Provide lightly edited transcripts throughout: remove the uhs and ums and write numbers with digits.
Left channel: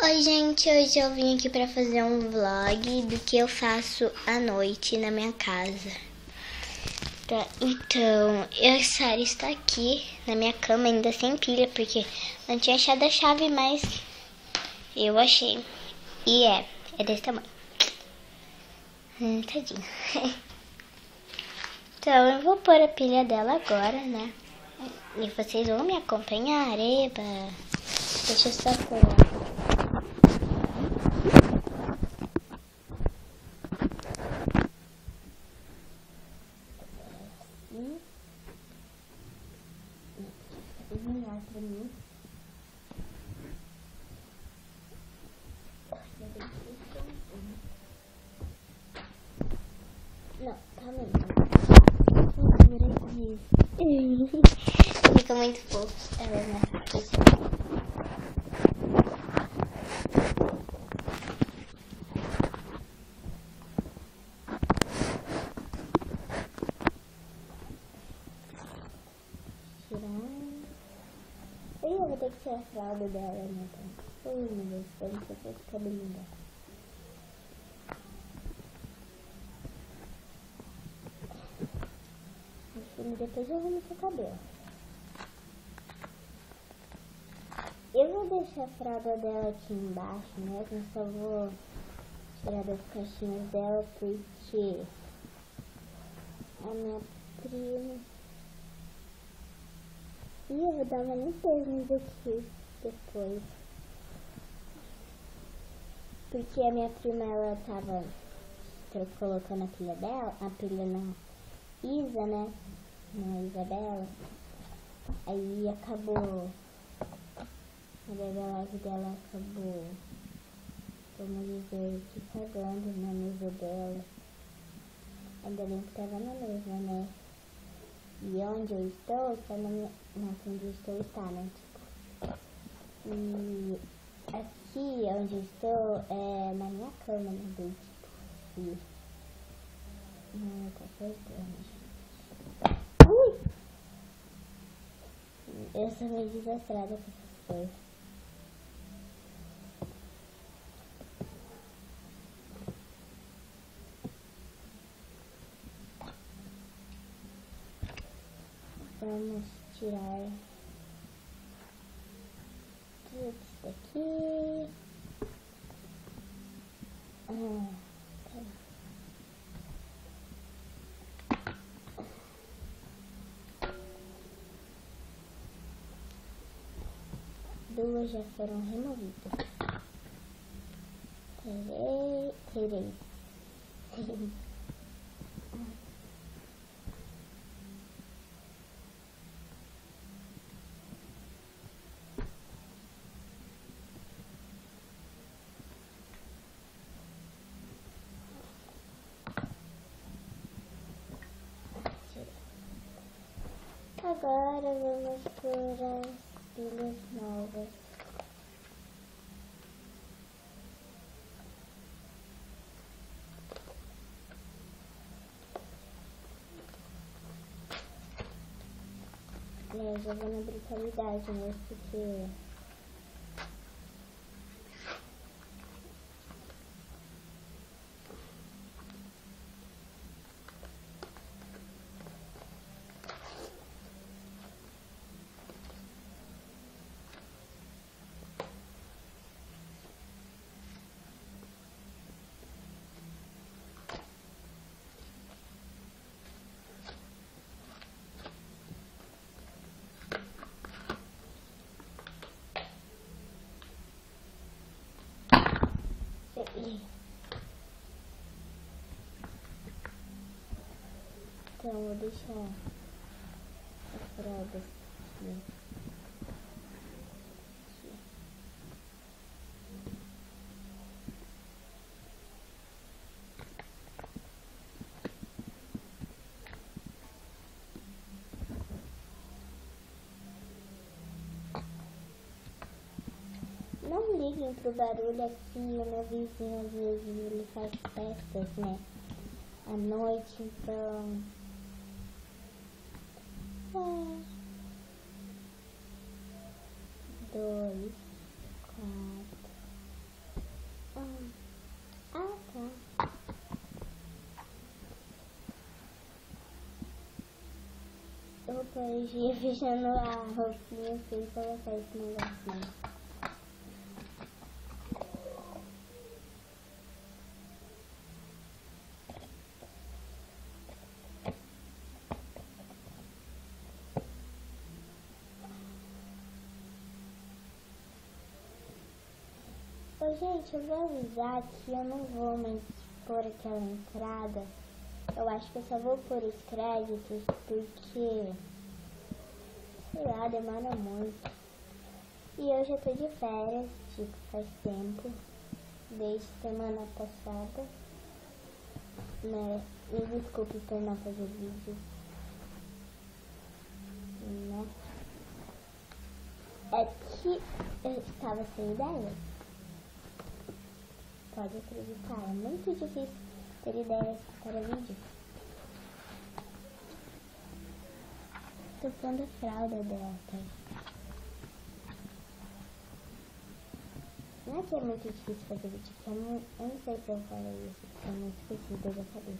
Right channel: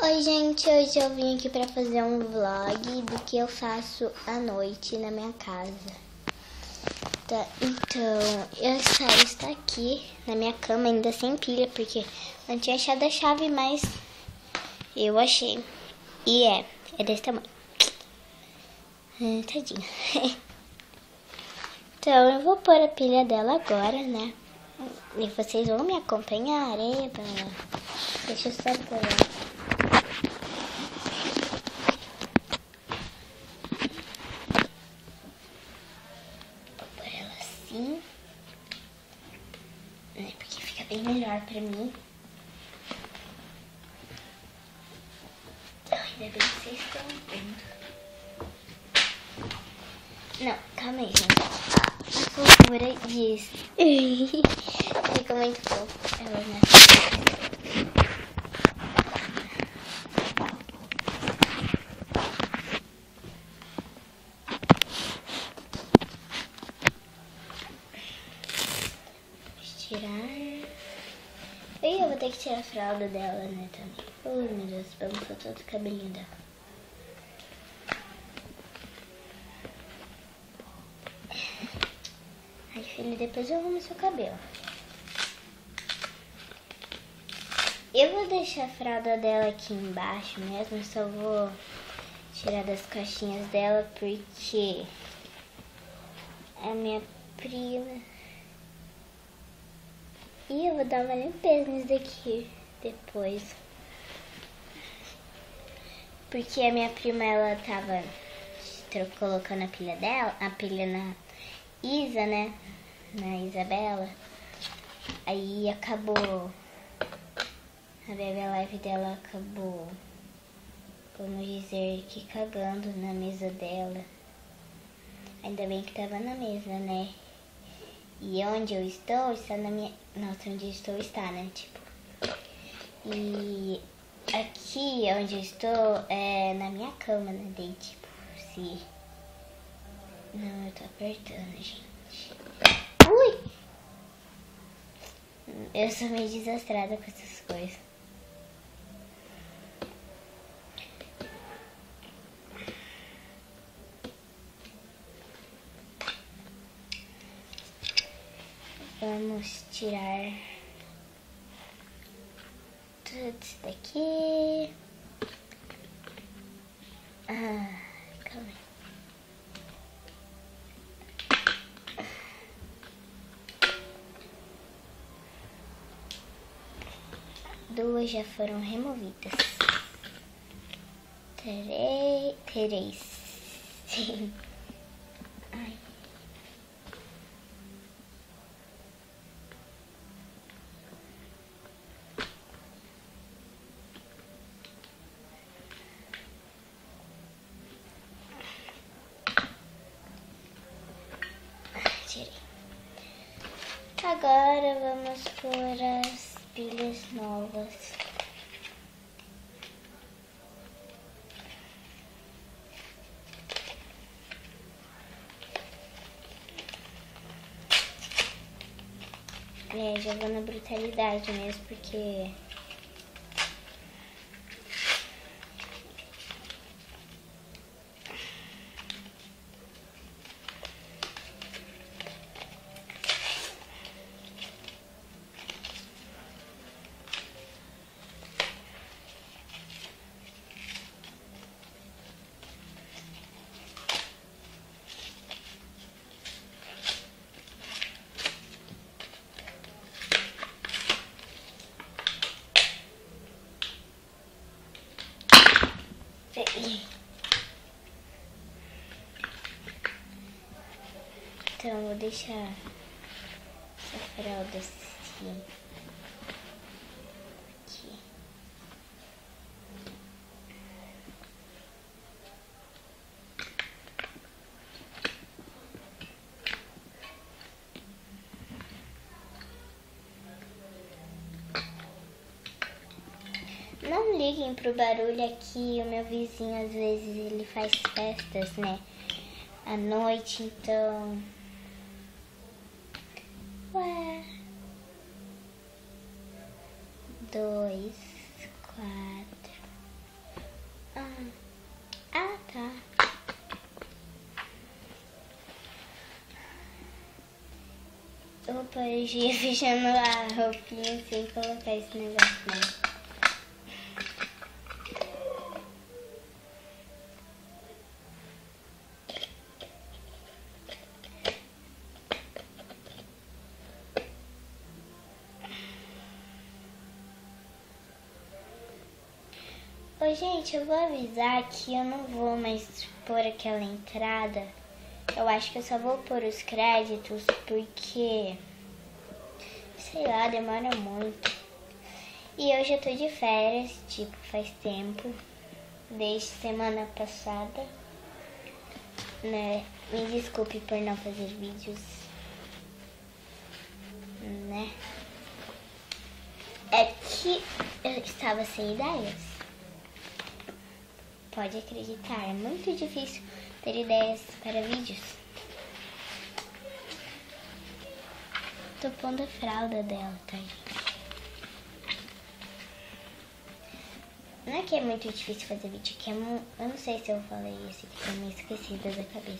Oi gente, hoje eu vim aqui pra fazer um vlog do que eu faço à noite na minha casa. Tá, então, eu está aqui na minha cama ainda sem pilha, porque não tinha achado a chave, mas eu achei. E é desse tamanho. Tadinho. Então, eu vou pôr a pilha dela agora, né? E vocês vão me acompanhar, eba. Deixa eu só pôr ela. Assim, né, porque fica bem melhor pra mim. Ai, ainda bem que vocês estão vendo. Não, calma aí, gente. Por favor, disso. Fica muito fofo. Ela né? Tirar. E eu vou ter que tirar a fralda dela, né, também. Oh, meu Deus, balançou todo o cabelinho dela. Ai, filha, depois eu arrumo seu cabelo. Eu vou deixar a fralda dela aqui embaixo mesmo, só vou tirar das caixinhas dela porque a minha prima... E eu vou dar uma limpeza nisso daqui depois. Porque a minha prima, ela tava colocando a pilha dela, a pilha na Isa, né? Na Isabela. Aí acabou, a Baby Life dela acabou, vamos dizer que cagando na mesa dela. Ainda bem que tava na mesa, né? E onde eu estou, está na minha... Nossa, onde eu estou está, né? Tipo... E aqui onde eu estou é na minha cama, né? Daí, tipo, se... Não, eu tô apertando, gente. Ui! Eu sou meio desastrada com essas coisas. Vamos tirar tudo isso daqui. Calma aí. Duas já foram removidas. Três. Sim. Ai. Tirei. Agora vamos pôr as pilhas novas. Já vou na brutalidade mesmo, porque... Então, vou deixar essa fralda assim. Aqui. Não liguem pro barulho aqui, o meu vizinho às vezes ele faz festas, né? À noite, então... Ué... 2, 4, podia fechando a roupinha sem colocar esse negócio, né? Ô, gente, eu vou avisar que eu não vou mais pôr aquela entrada. Eu acho que eu só vou pôr os créditos porque, sei lá, demora muito. E eu já tô de férias, tipo, faz tempo, desde semana passada, né? Me desculpe por não fazer vídeos, né? É que eu estava sem ideias. Pode acreditar, é muito difícil ter ideias para vídeos. Tô pondo a fralda dela, tá? Não é que é muito difícil fazer vídeo, que eu não sei se eu falei isso aqui, tô meio esquecida da cabeça.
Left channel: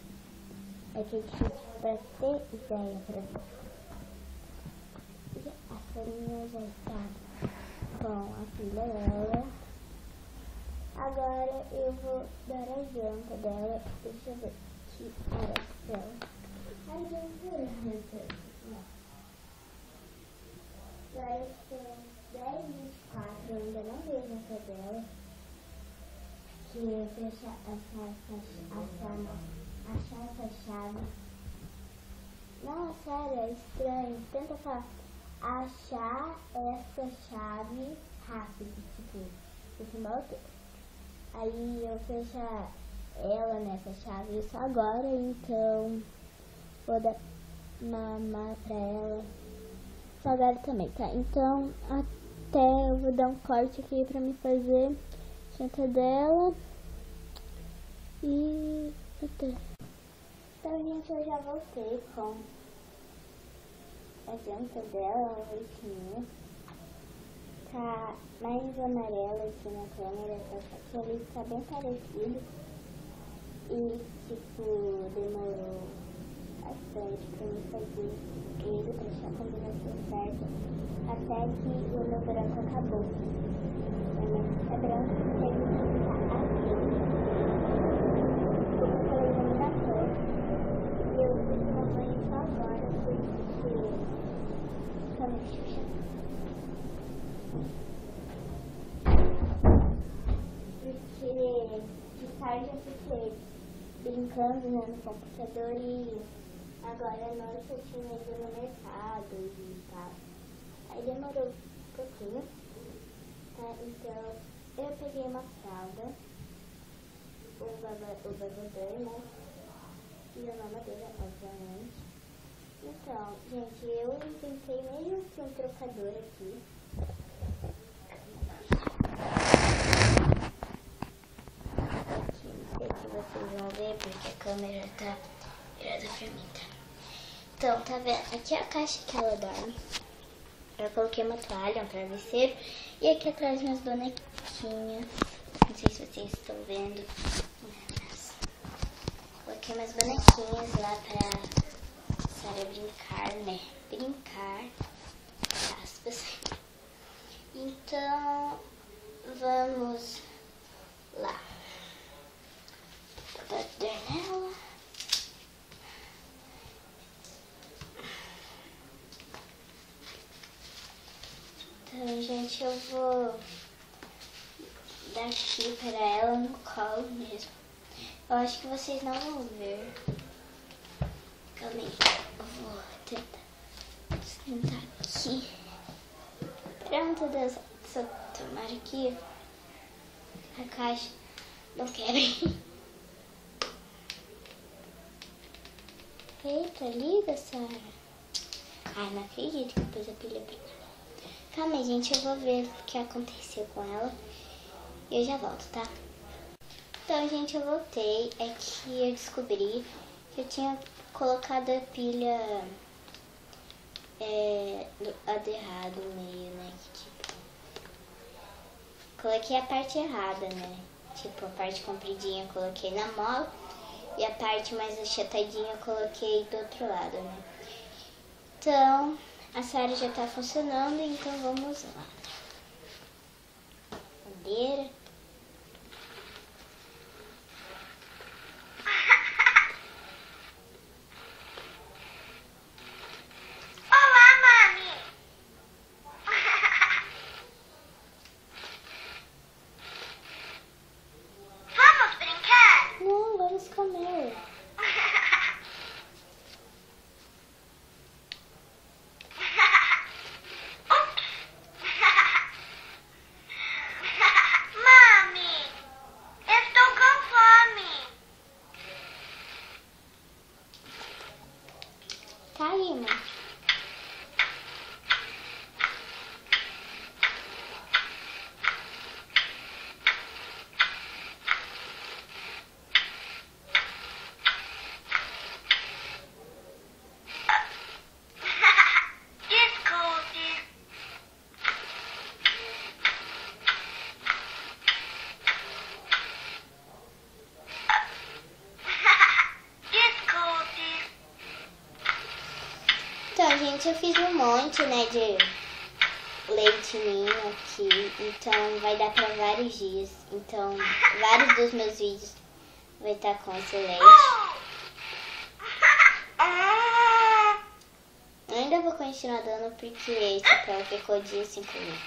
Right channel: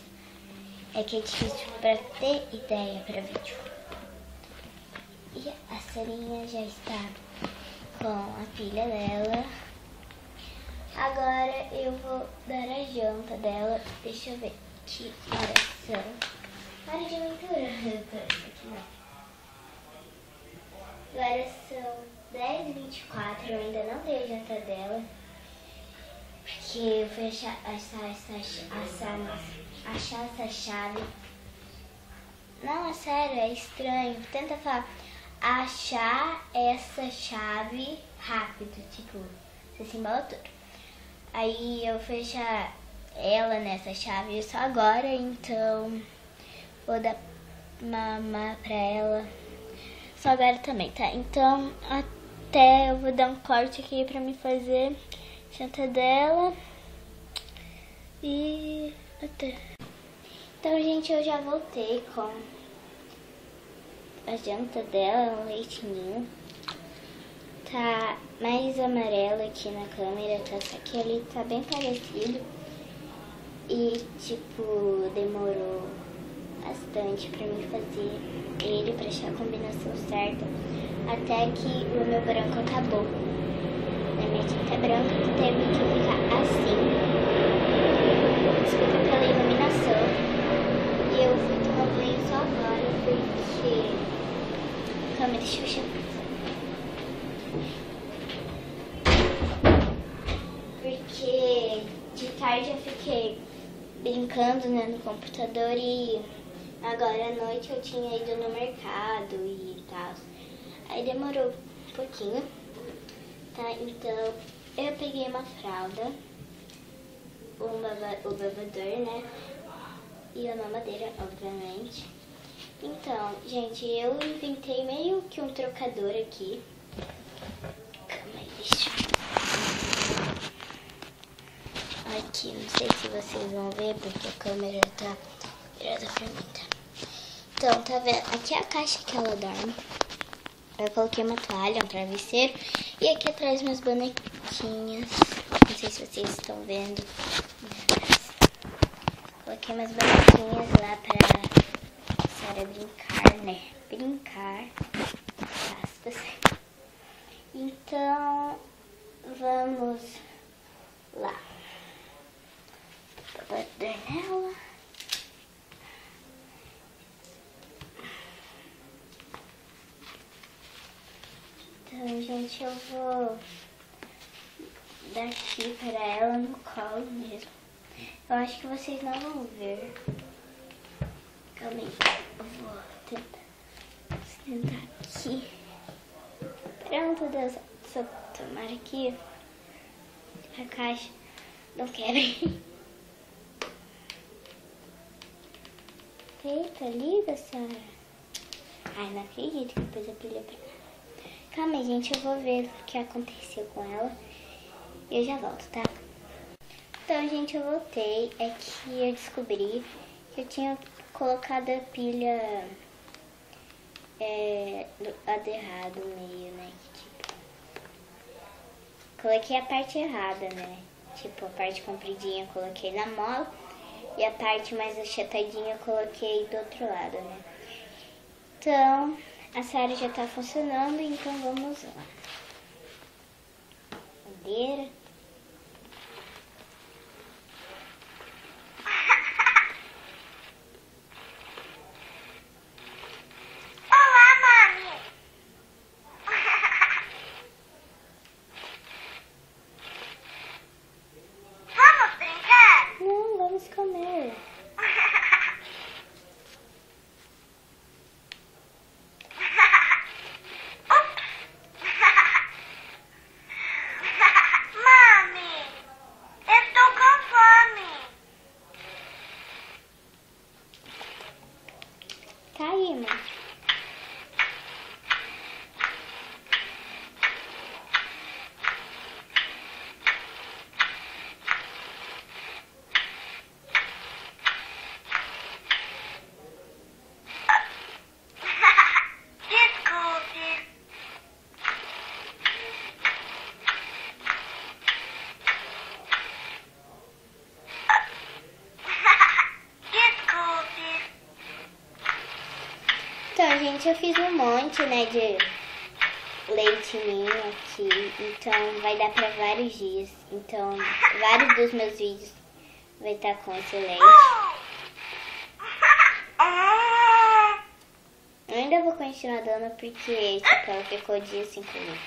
É que é difícil pra ter ideia para vídeo. E a Sarinha já está com a filha dela. Agora eu vou dar a janta dela. Deixa eu ver que horas são. Hora de aventura. Agora são 10h24. Eu ainda não dei a janta dela. Porque eu fui achar essa chave. Não, é sério, é estranho. Tenta falar. Achar essa chave rápido. Tipo, você se embola tudo. Aí eu fui achar ela nessa chave só agora, então vou dar mamar pra ela só agora também, tá? Então até eu vou dar um corte aqui pra me fazer janta dela e até. Então, gente, eu já voltei com a janta dela, um leitinho. Tá mais amarelo aqui na câmera, tá? Só que ali tá bem parecido. E, tipo, demorou bastante pra mim fazer ele, pra achar a combinação certa. Até que o meu branco acabou. A minha tinta branca teve que ficar assim. Desculpa pela iluminação. E eu fui tomar banho só agora porque a câmera Xuxa. Porque de tarde eu fiquei brincando, né, no computador e agora à noite eu tinha ido no mercado e tal. Aí demorou um pouquinho, tá? Então eu peguei uma fralda, o babador, né? E a mamadeira, obviamente. Então, gente, eu inventei meio que um trocador aqui. Calma aí, bicho. Aqui, não sei se vocês vão ver porque a câmera tá virada pra mim, tá? Então, tá vendo? Aqui é a caixa que ela dorme. Eu coloquei uma toalha, um travesseiro. E aqui atrás meus bonequinhas. Não sei se vocês estão vendo. Coloquei umas bonequinhas lá pra Sara brincar, né? Brincar. Aspas. Então, vamos lá. Vou dar nela. Então, gente, eu vou dar aqui pra ela no colo mesmo. Eu acho que vocês não vão ver. Calma aí. Eu vou tentar sentar aqui. Pronto, Deus. Só tomar aqui a caixa. Não quero. Eita, liga, Sara. Ai, não acredito que pôs a pilha pra cá. Calma aí, gente. Eu vou ver o que aconteceu com ela. E eu já volto, tá? Então, gente, eu voltei. É que eu descobri que eu tinha colocado a pilha do lado errado, meio, né? Tipo, coloquei a parte errada, né? Tipo, a parte compridinha eu coloquei na mola e a parte mais achatadinha eu coloquei do outro lado, né? Então, A Sara já tá funcionando, então vamos lá. Madeira. Não, vamos comer. Tá aí, mãe. Então, gente, eu fiz um monte, né, de leite ninho aqui, então vai dar pra vários dias. Então, vários dos meus vídeos vai estar com esse leite. Eu ainda vou continuar dando porque esse papel ficou dia sem comer.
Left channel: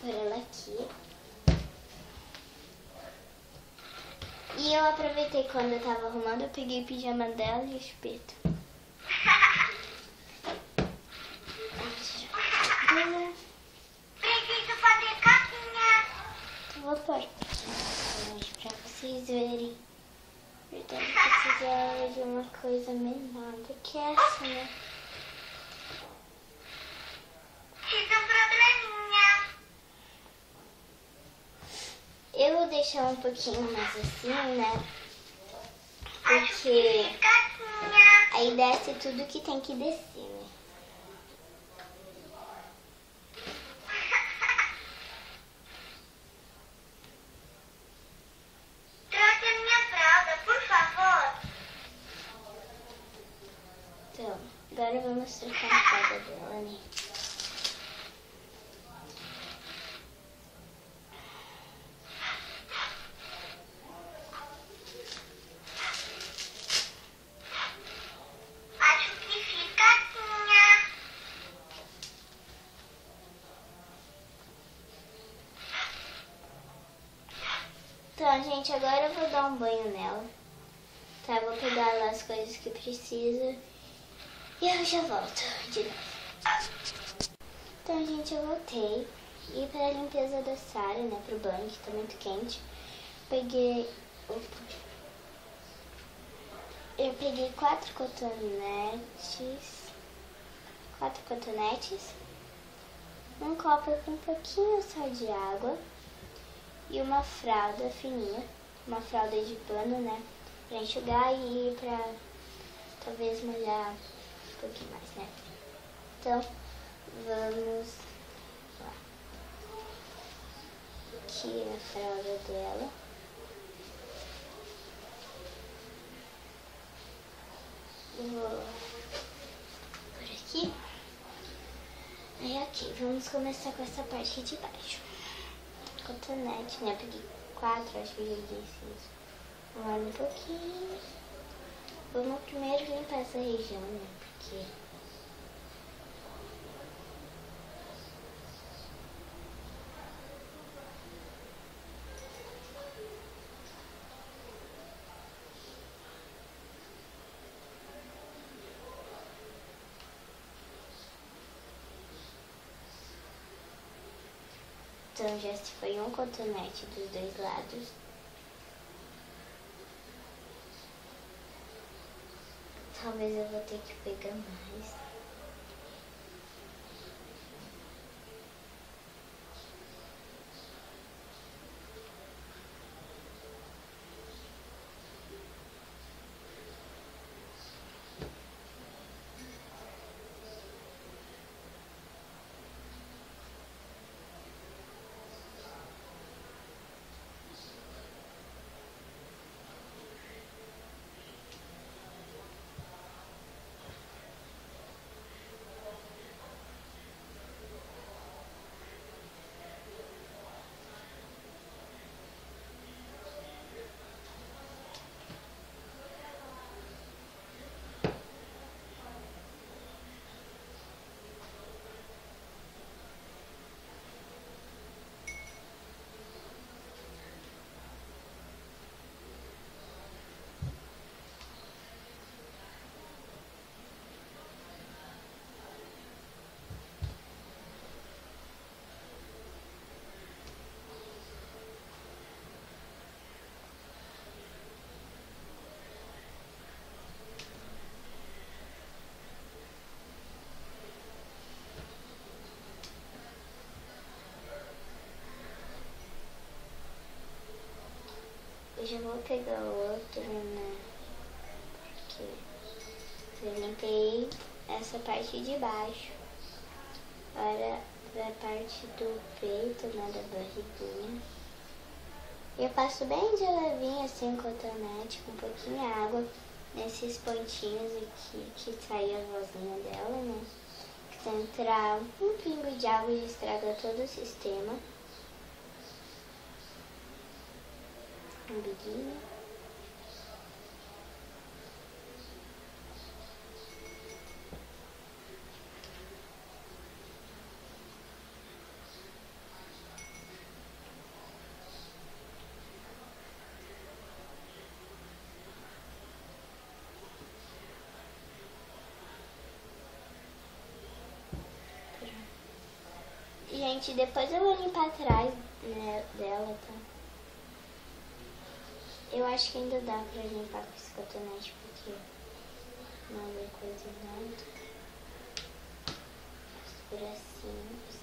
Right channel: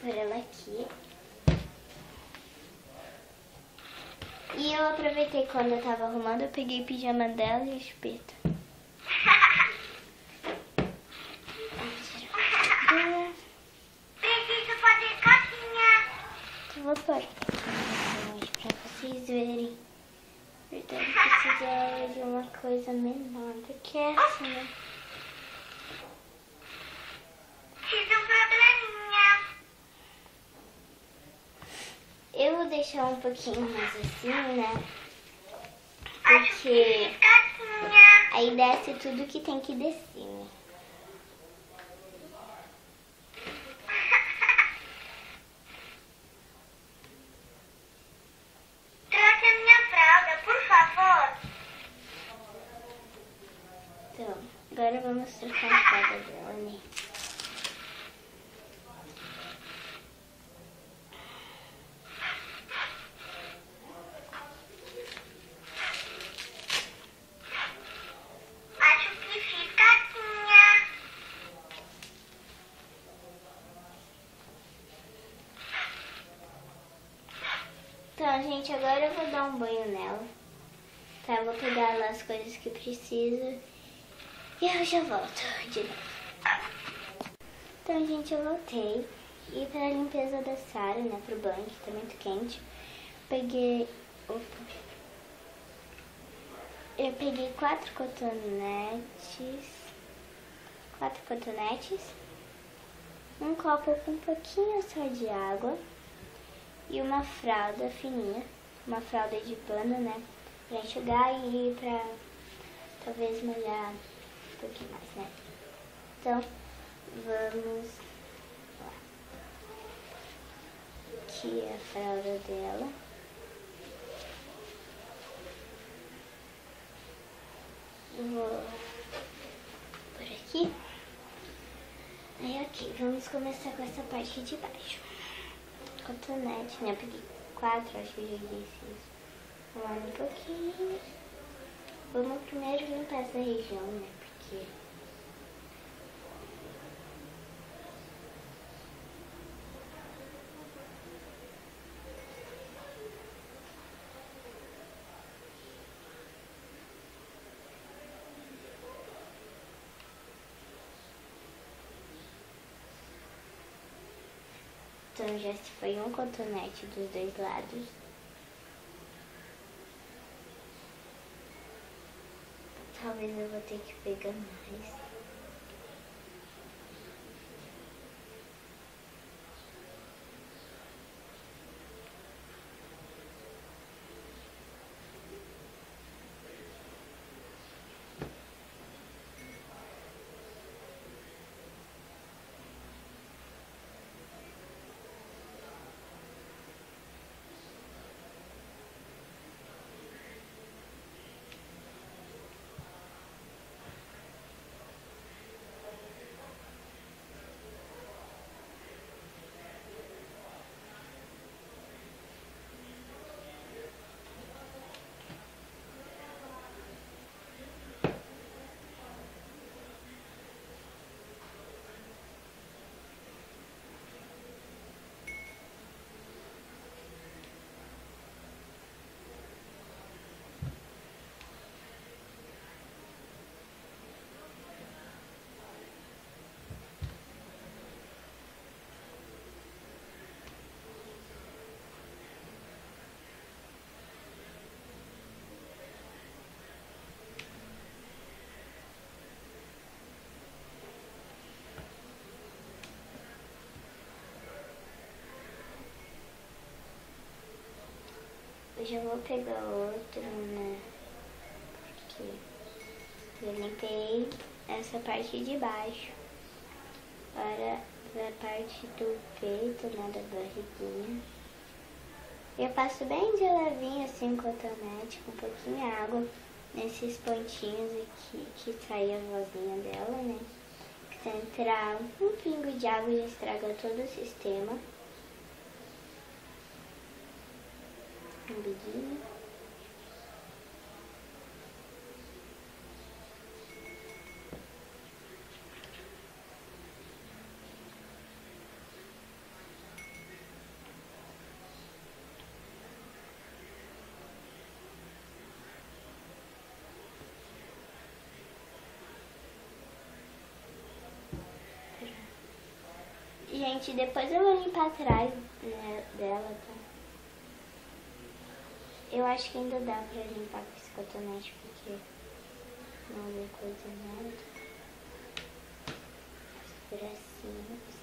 Por ela aqui. E eu aproveitei quando eu tava arrumando, eu peguei o pijama dela e o espeto. Preciso fazer caquinha. Então vou pôr aqui pra vocês verem. Verdade, precisava de uma coisa menor do que essa, né? Tive um probleminha. Eu vou deixar um pouquinho mais assim, né? Acho que Porque fiz caquinha. aí desce tudo que tem que descer, né? Trouxe a minha fralda, por favor. Então, agora vamos trocar a fralda dela, né? Acho que fiz caquinha. Então, gente, agora eu vou dar um banho nela. Tá, eu vou pegar lá as coisas que preciso e eu já volto de novo. Então, gente, eu voltei. E pra limpeza da Sara, né, pro banho, que tá muito quente, peguei... Eu peguei 4 cotonetes, um copo com um pouquinho só de água e uma fralda fininha, uma fralda de pano, né, pra enxugar e pra talvez molhar um pouquinho mais, né. Então, vamos lá. Aqui é a fralda dela. Vou por aqui. Aí, ok, vamos começar com essa parte de baixo. Cotonete, né? Eu peguei 4, acho que eu já disse isso. Vamos um pouquinho. Vamos primeiro limpar essa região, né? Porque... Então, Então já se foi um cotonete dos dois lados. Talvez eu vou ter que pegar mais. Eu já vou pegar outro, né? Porque eu limpei essa parte de baixo. Agora a parte do peito, né, da barriguinha. Eu passo bem de levinho assim, cotonete, com um pouquinho de água nesses pontinhos aqui que sai a vozinha dela, né? Que se entrar um pingo de água já estraga todo o sistema. Um biguinho. Gente, depois eu vou limpar atrás, né, dela, tá? Eu acho que ainda dá pra limpar com esse cotonete, porque não é coisa nada. Os bracinhos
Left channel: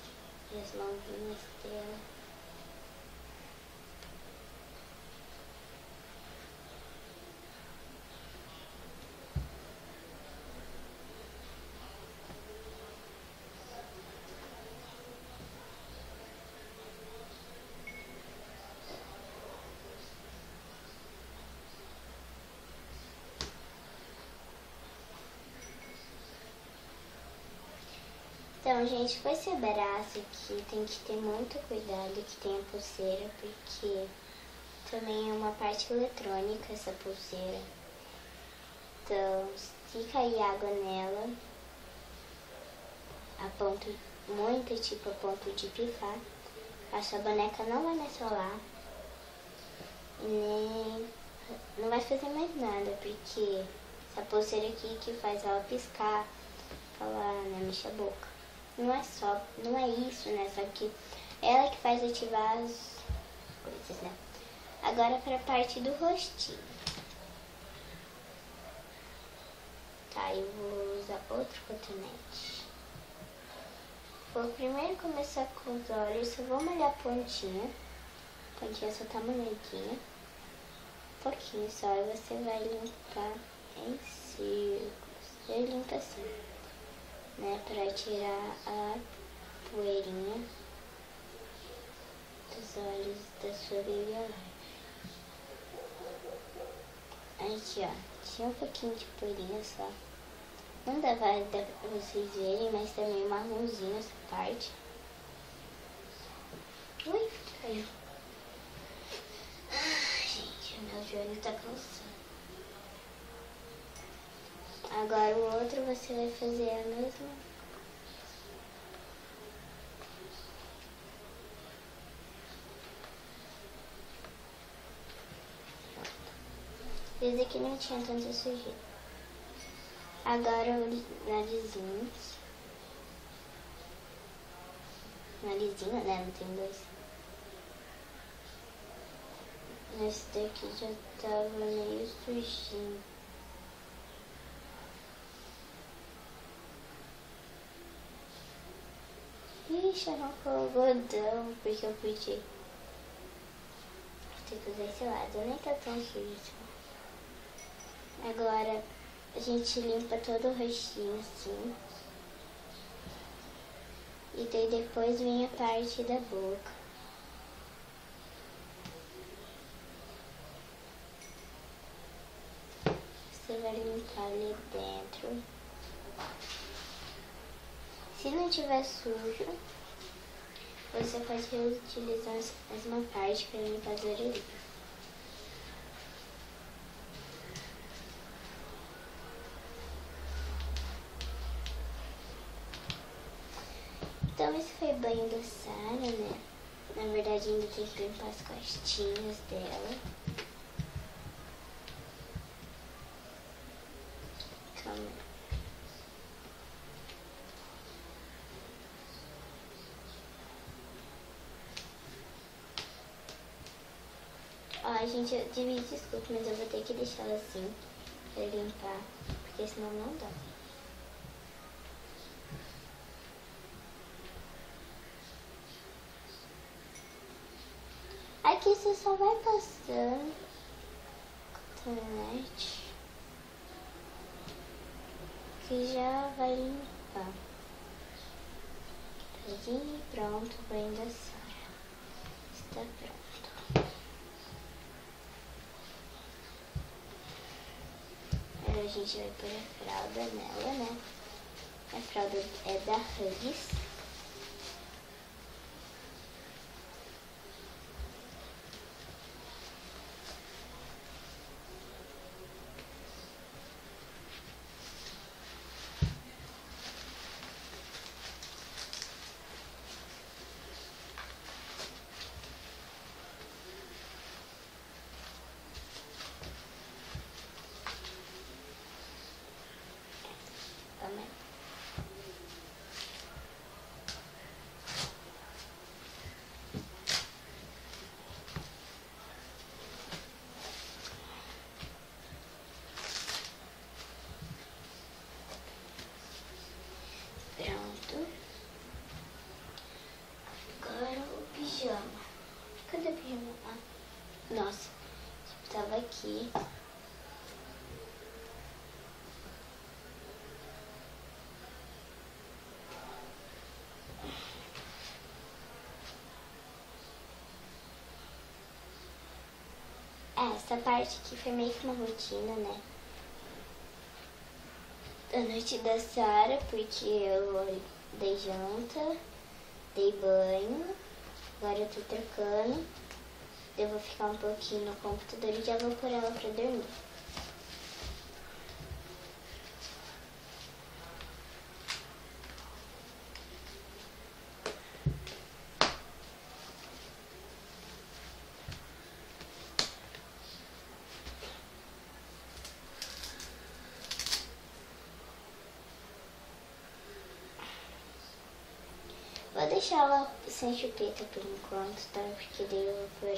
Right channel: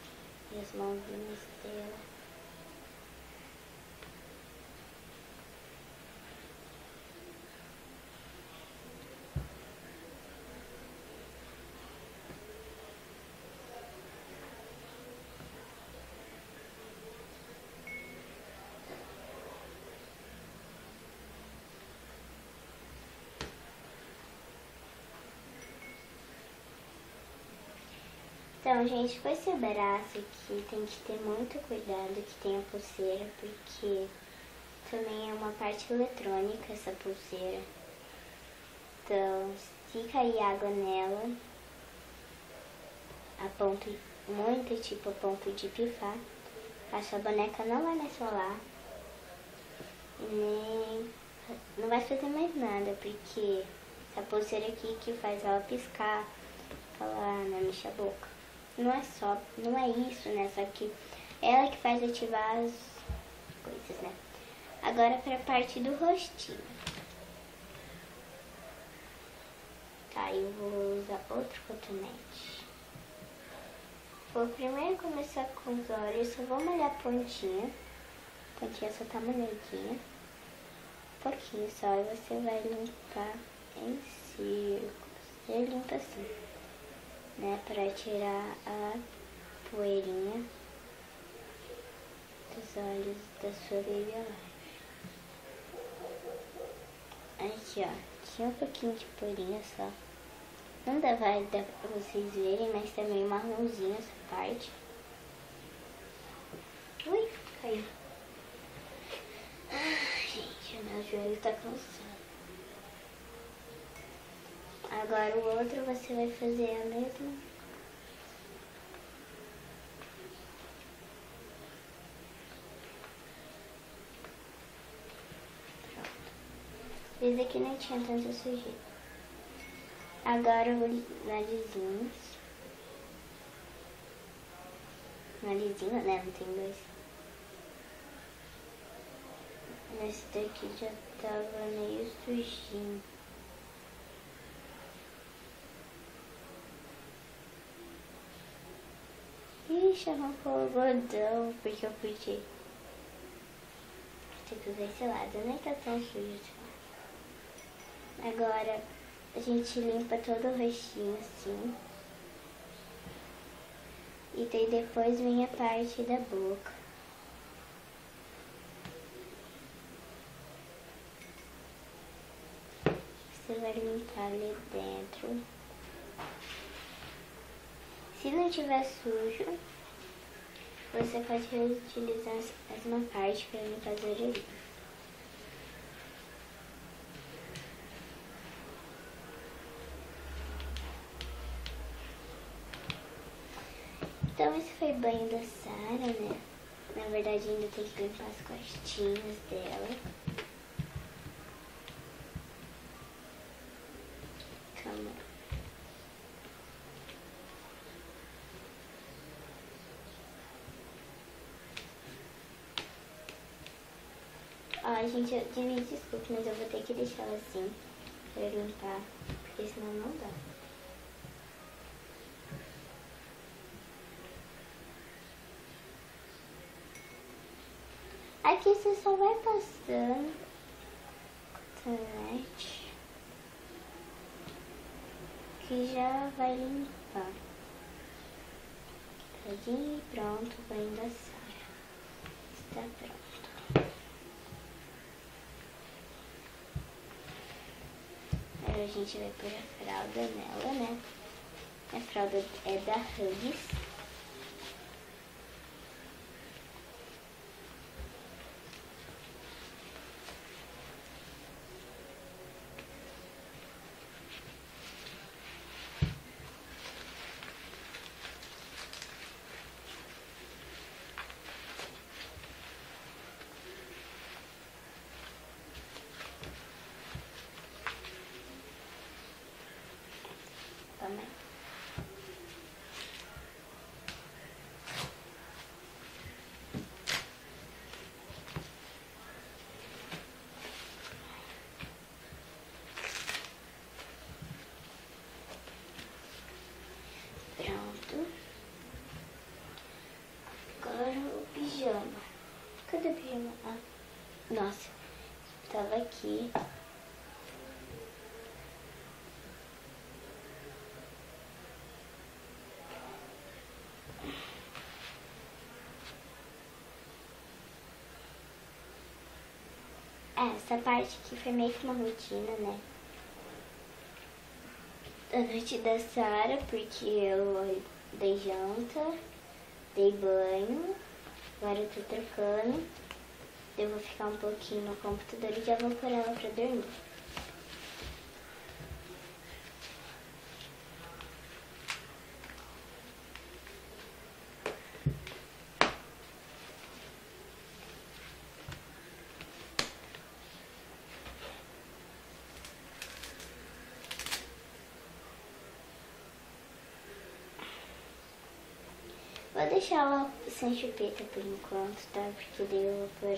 e as mãozinhas dela. Então, gente, com esse braço aqui tem que ter muito cuidado que tem a pulseira, porque também é uma parte eletrônica essa pulseira. Então, se cair água nela, a ponto, muito tipo a ponto de pifar, a sua boneca não vai mais falar, e nem não vai fazer mais nada, porque essa pulseira aqui que faz ela piscar, falar, não mexe a boca. Não é só, não é isso, né? Só que ela que faz ativar as coisas, né? Agora para a parte do rostinho. Tá, eu vou usar outro cotonete. Vou primeiro começar com os olhos, só vou molhar a pontinha. A pontinha só tá molhadinha. Um pouquinho só, e você vai limpar em círculos. Você limpa assim, né, para tirar a poeirinha dos olhos da sua baby Alive. Aqui, ó, tinha um pouquinho de poeirinha só. Não dá, vai dar pra vocês verem, mas tá meio marronzinho essa parte. Ui, caiu. Ai, gente, o meu joelho tá cansado. Agora o outro você vai fazer a mesma. Pronto. Esse aqui não tinha tanta sujeira. Agora o narizinho. Narizinho, né? Não tem dois. Esse daqui já tava meio sujinho. Ixi, arrancou o algodão, porque eu podia ter que usar esse lado, nem tá tão sujo assim. Agora a gente limpa todo o rostinho assim. E daí depois vem a parte da boca. Você vai limpar ali dentro. Se não tiver sujo, você pode reutilizar a mesma parte para limpar as orelhinhas. Então esse foi o banho da Sara, né? Na verdade ainda tem que limpar as costinhas dela. Calma. Ó, gente, eu dividi, desculpa, mas eu vou ter que deixar ela assim pra limpar, porque senão não dá. Aqui você só vai passando cotonete que já vai limpar. E pronto, o banho da Sara está pronto. Agora a gente vai pôr a fralda nela, né? A fralda é da Huggies. Pronto. Agora o pijama. Cadê o pijama? Ah, nossa, tava aqui. Essa parte aqui foi meio que uma rotina, né? Da noite da Sara, porque eu dei janta, dei banho, agora eu tô trocando. Eu vou ficar um pouquinho no computador e já vou pôr ela pra dormir. Vou deixar ela sem chupeta por enquanto, tá? Porque daí eu vou pôr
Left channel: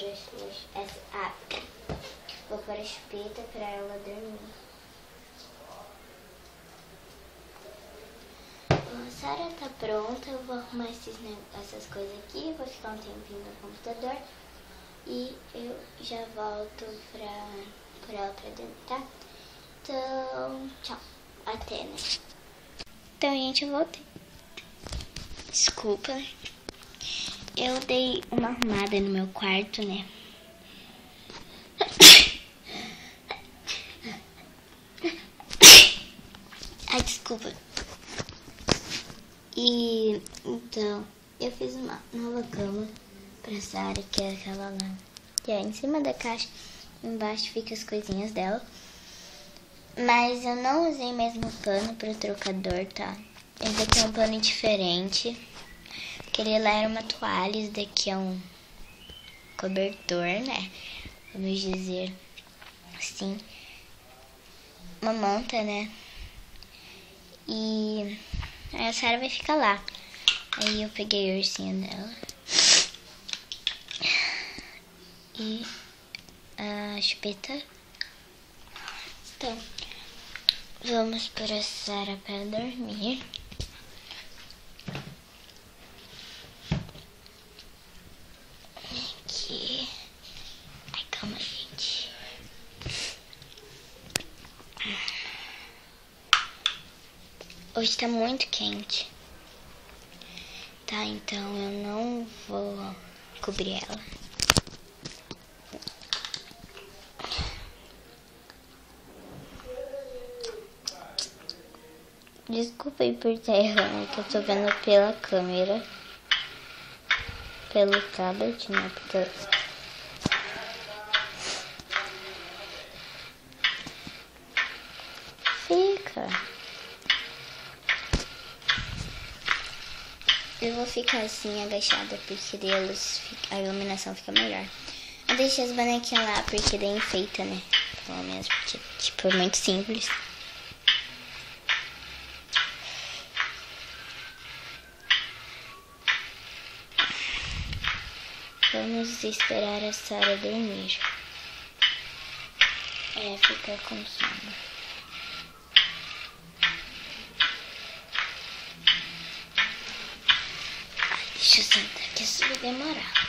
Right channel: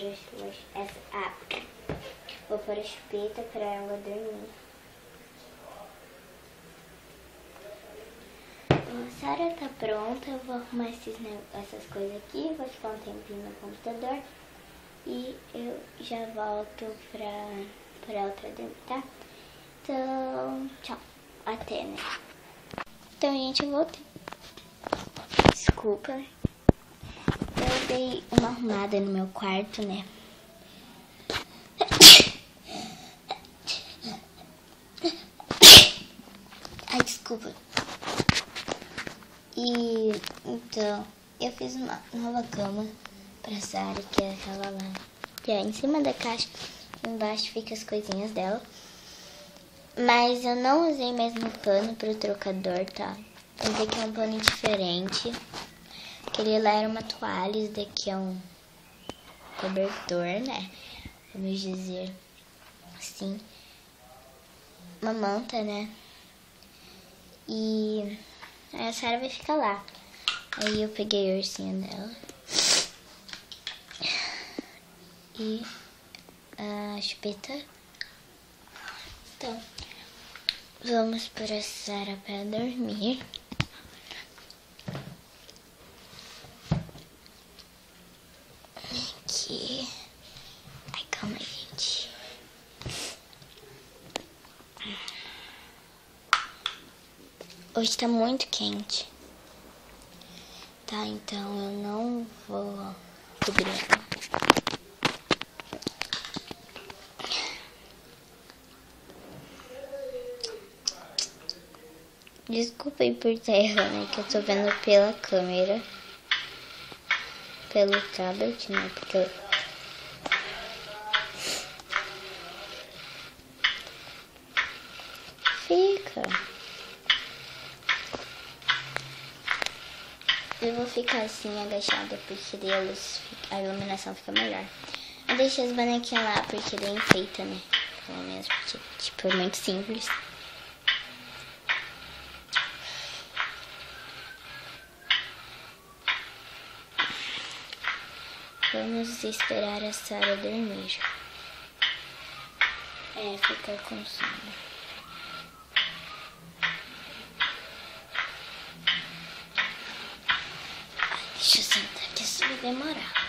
vou pôr a chupeta pra ela dormir. A Sara tá pronta, eu vou arrumar essas coisas aqui, vou ficar um tempinho no computador e eu já volto pra ela pra dormir, tá? Então, tchau. Até, né? Então, gente, eu voltei. Desculpa, eu dei uma arrumada no meu quarto, né? Ai, desculpa. E então, eu fiz uma nova cama pra Sara, que é aquela lá. E aí, em cima da caixa, embaixo fica as coisinhas dela. Mas eu não usei mesmo pano pro trocador, tá? Esse daqui é um pano diferente. Aquele lá era uma toalha, esse daqui é um cobertor, né? Vamos dizer assim. Uma manta, né? E aí a Sara vai ficar lá. Aí eu peguei a ursinha dela. E a chupeta. Então, vamos pôr a Sara para dormir. Aqui. Ai, calma, gente. Hoje tá muito quente. Tá, então eu não vou cobrir ela. Desculpa aí por terra, né? Que eu tô vendo pela câmera. Pelo tablet, né? Porque fica. Eu vou ficar assim agachada porque daí a iluminação fica melhor. Eu deixei as bonequinhas lá porque daí enfeita, né? Pelo menos porque, tipo, é muito simples. Vamos esperar a Sara dormir. Fica com sono. Deixa eu sentar aqui, isso vai demorar.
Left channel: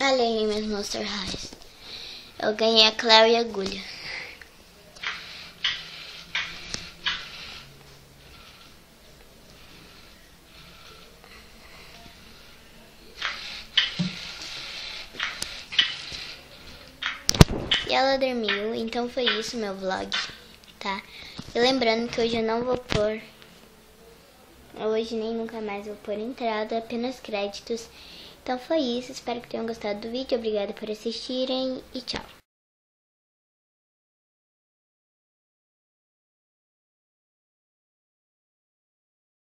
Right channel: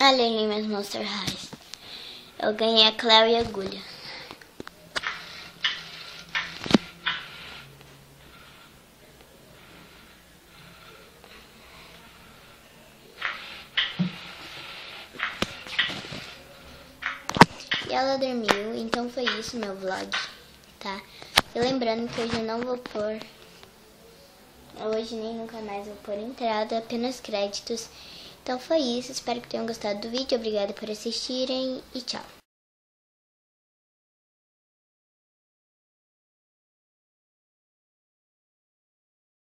Olha ali meus Monster Highs. Eu ganhei a Clary e a agulha. E ela dormiu, então foi isso meu vlog, tá? E lembrando que hoje eu não vou pôr... Hoje nem nunca mais vou pôr entrada, apenas créditos. Então foi isso, espero que tenham gostado do vídeo, obrigada por assistirem e tchau.